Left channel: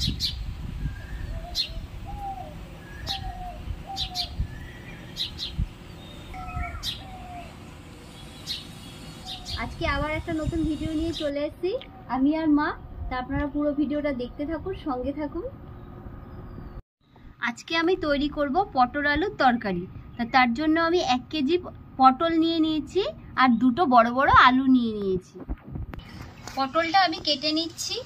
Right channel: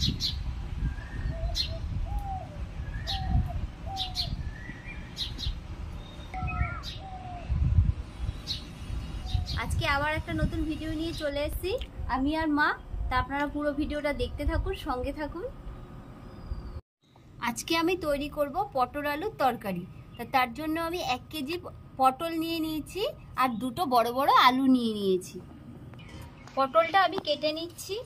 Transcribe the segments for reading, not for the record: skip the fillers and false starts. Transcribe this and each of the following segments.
আজকে আবার একটা নতুন ভিডিও নিয়ে চলে এসেছি আমি আর মা। তা আপনারা পুরো ভিডিওটা দেখতে থাকুন, সঙ্গে থাকুন। আজকে আমি তৈরি করব পটল আলুর তরকারি। তার জন্য আমি 1 কেজি পটল নিয়ে নিয়েছি আর 2টো বড় বড় আলু নিয়ে নিয়েছি। পটলটা আমি কেটে নিচ্ছি।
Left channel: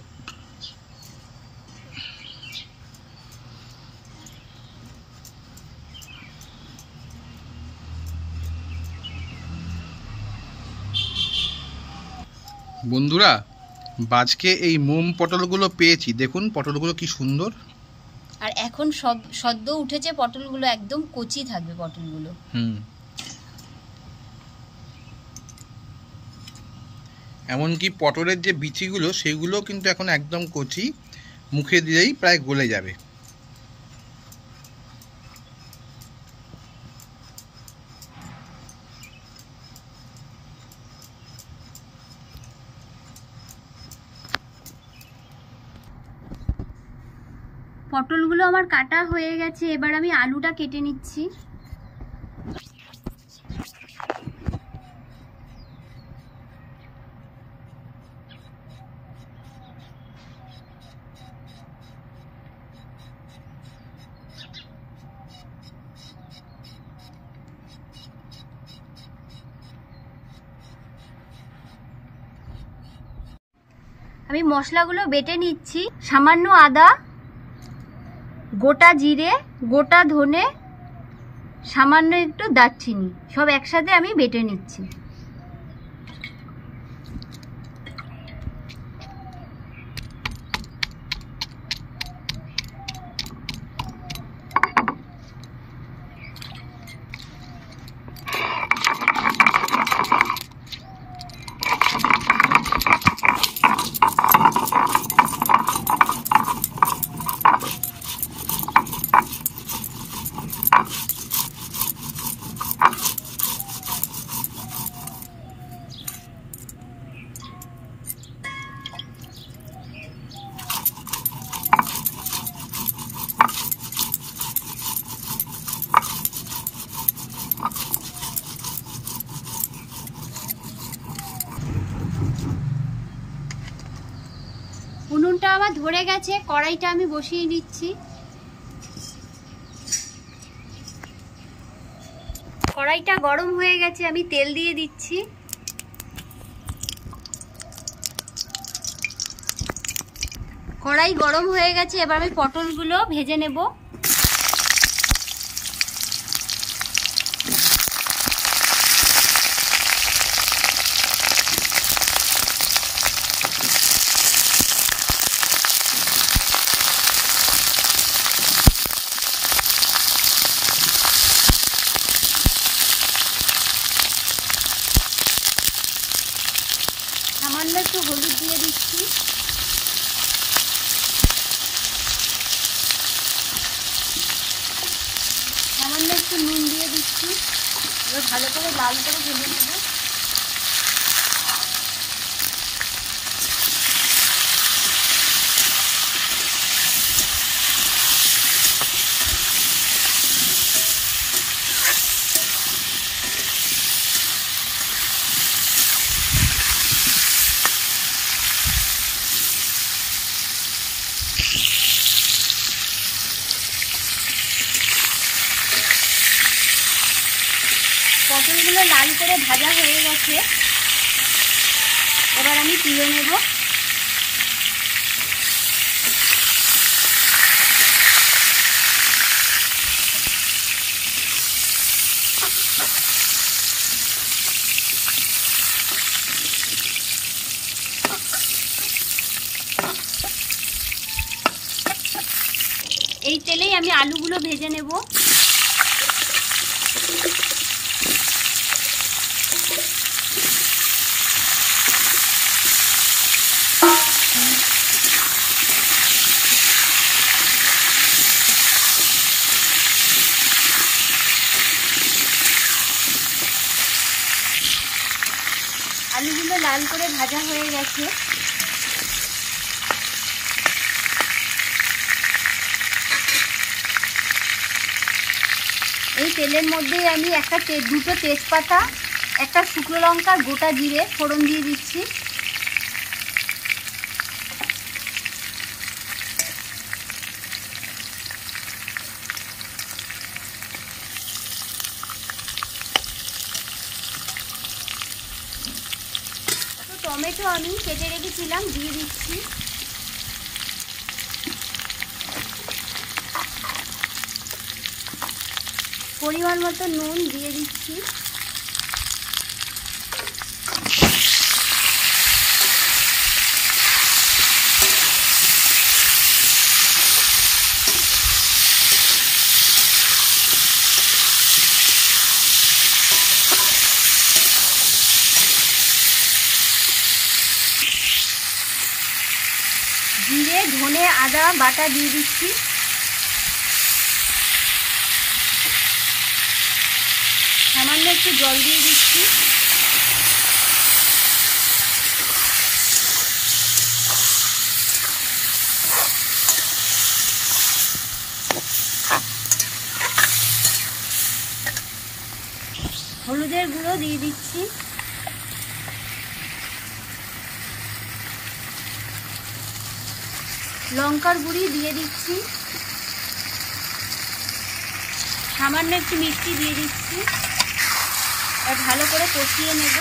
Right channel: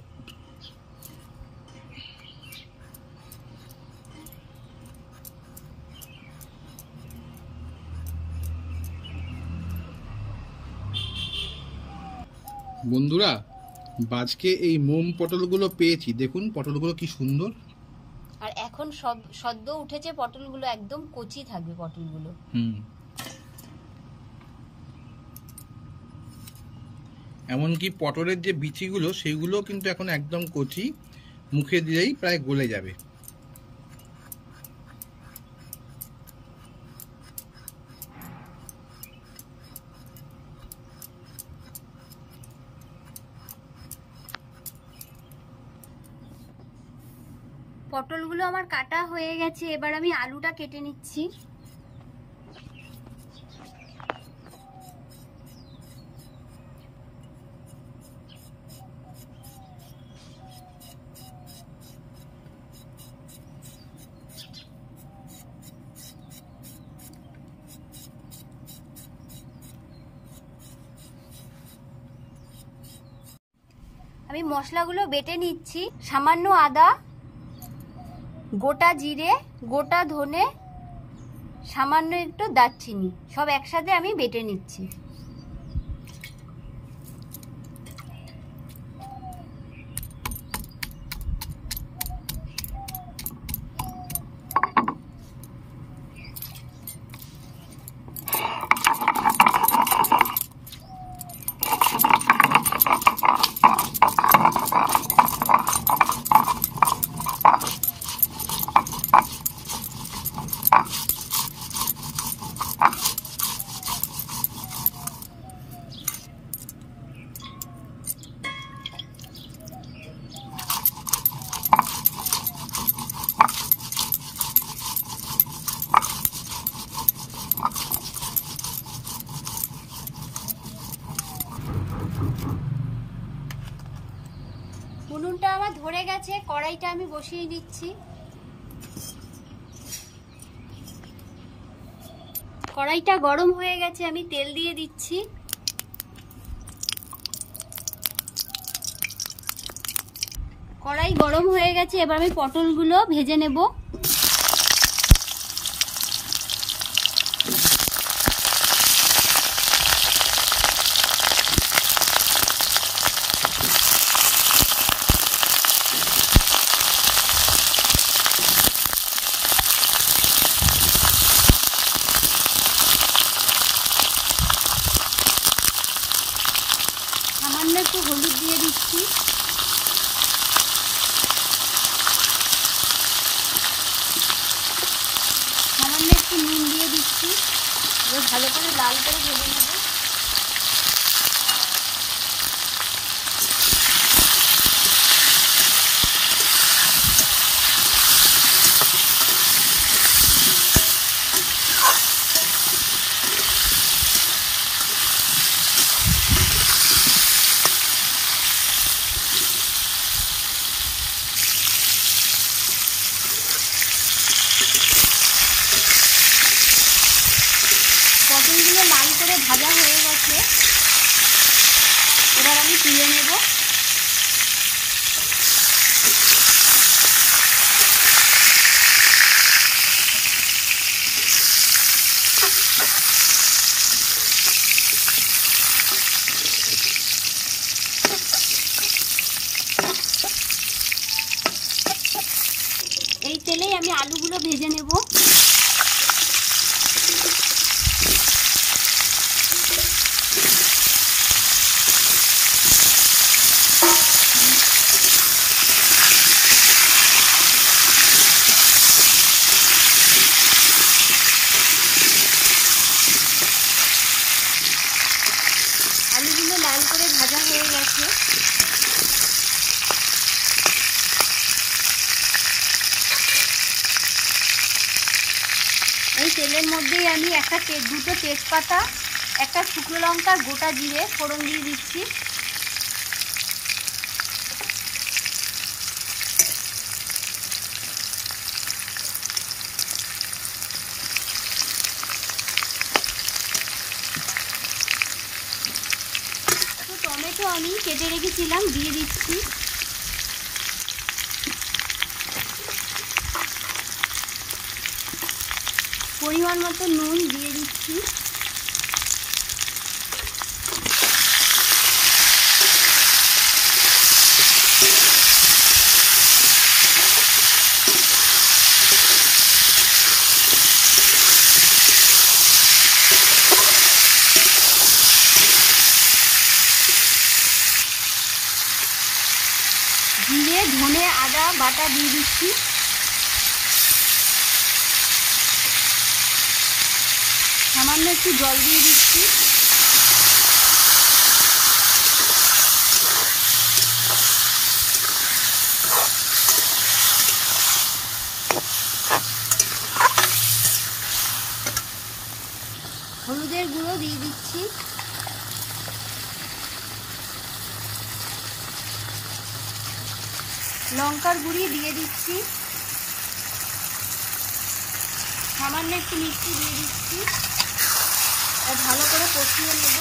বন্ধুরা, আজকে এই মোম পটলগুলো পেয়েছি, দেখুন পটলগুলো কি সুন্দর। আর এখন সব সদ্য উঠেছে পটলগুলো, একদম কচি থাকবে পটলগুলো। এমনকি পটলের যে বিচিগুলো সেগুলো কিন্তু এখন একদম কচি, মুখে দিলেই প্রায় গলে যাবে। পটলগুলো আমার কাটা হয়ে গেছে, এবার আমি আলুটা কেটে নিচ্ছি। আমি মশলাগুলো বেটে নিচ্ছি। সামান্য আদা, গোটা জিরে, গোটা ধনে, সামান্য একটু দারচিনি, সব একসাথে আমি বেটে নিচ্ছি। উনুনটা আমার ধরে গেছে, কড়াইটা আমি বসিয়ে নিচ্ছি। কড়াইটা গরম হয়ে গেছে, আমি তেল দিয়ে দিচ্ছি। কড়াই গরম হয়ে গেছে, এবার আমি পটলগুলো ভেজে নেব। সামান্য একটু হলুদ দিয়ে দিচ্ছি। সামান্য একটু নুন দিয়ে দিচ্ছি। এবার ভালো করে লাল করে ভেজে নেব। পটলগুলো লাল করে ভাজা হয়ে গেছে, এবার আমি তুলে নেব। এই তেলেই আমি আলুগুলো ভেজে নেব। আলুগুলো লাল করে ভাজা হয়ে গেছে। তেলের মধ্যেই আমি দুটো তেজপাতা, একটা শুকনো লঙ্কা, গোটা জিরে ফোড়ন দিয়ে দিচ্ছি। টমেটো আমি কেটে রেখেছিলাম দিয়ে দিচ্ছি। পরিমাণ মতো নুন দিয়ে দিচ্ছি। জিরে, ধনে, আদা বাটা দিয়ে দিচ্ছি। সামান্য একটু জল দিয়ে দিচ্ছি। হলুদের গুঁড়ো দিয়ে দিচ্ছি। লঙ্কার গুঁড়ি দিয়ে দিচ্ছি। সামান্য একটু মিষ্টি দিয়ে দিচ্ছি। আর ভালো করে কষিয়ে নেব।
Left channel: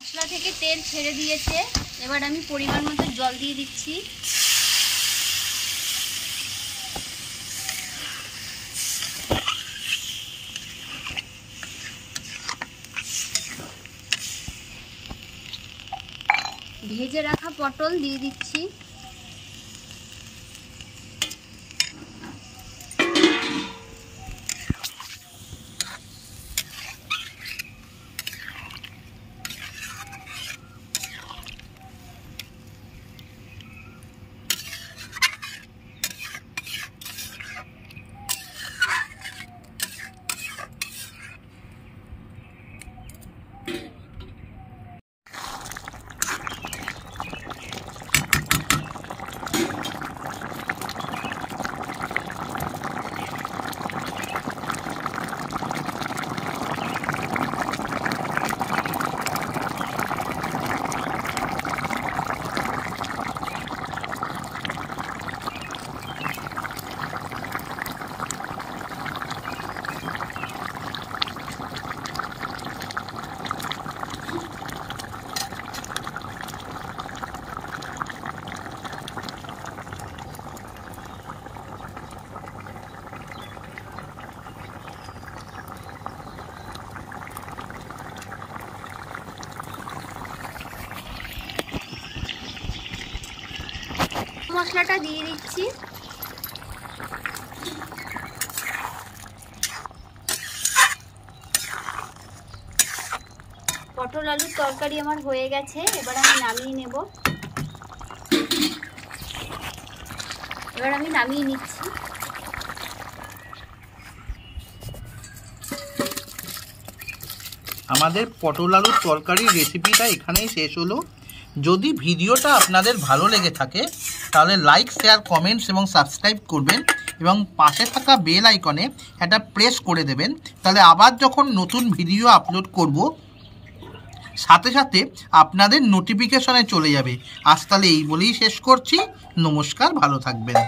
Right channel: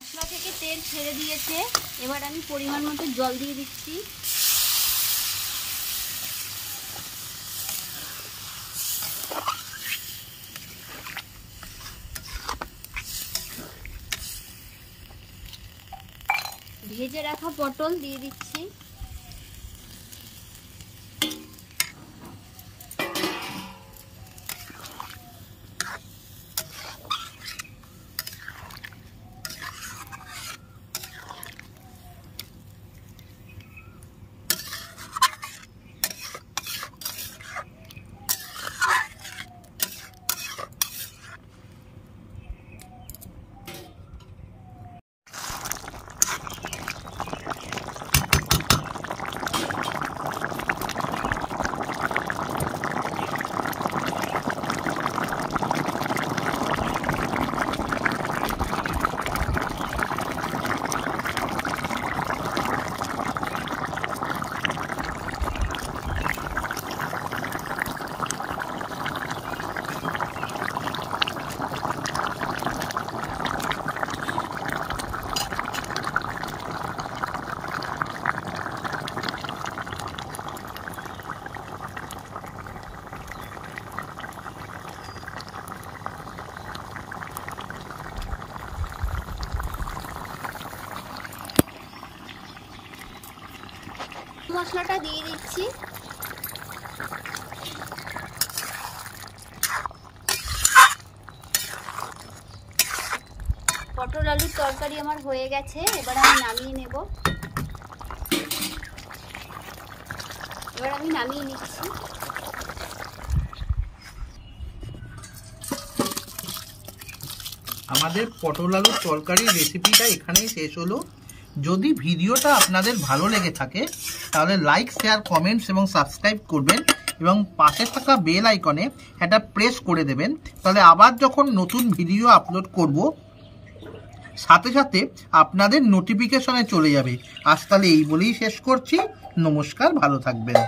মশলা থেকে তেল ছেড়ে দিয়েছে, এবার আমি পরিমাণ মতো জল দিয়ে দিচ্ছি। ভেজে রাখা পটল দিয়ে দিচ্ছি। মশলাটা দিয়ে দিচ্ছি। পটল আলুর তরকারি আমার হয়ে গেছে, এবার আমি নামিয়ে নেব। এবার আমি নামিয়ে নিচ্ছি। আমাদের পটল আলুর তরকারির রেসিপিটা এখানেই শেষ হলো। যদি ভিডিওটা আপনাদের ভালো লেগে থাকে তাহলে লাইক, শেয়ার, কমেন্টস এবং সাবস্ক্রাইব করবেন এবং পাশে থাকা বেল আইকনে একটা প্রেস করে দেবেন। তাহলে আবার যখন নতুন ভিডিও আপলোড করব সাথে সাথে আপনাদের নোটিফিকেশনে চলে যাবে। আজ তাহলে এই বলেই শেষ করছি। নমস্কার, ভালো থাকবেন।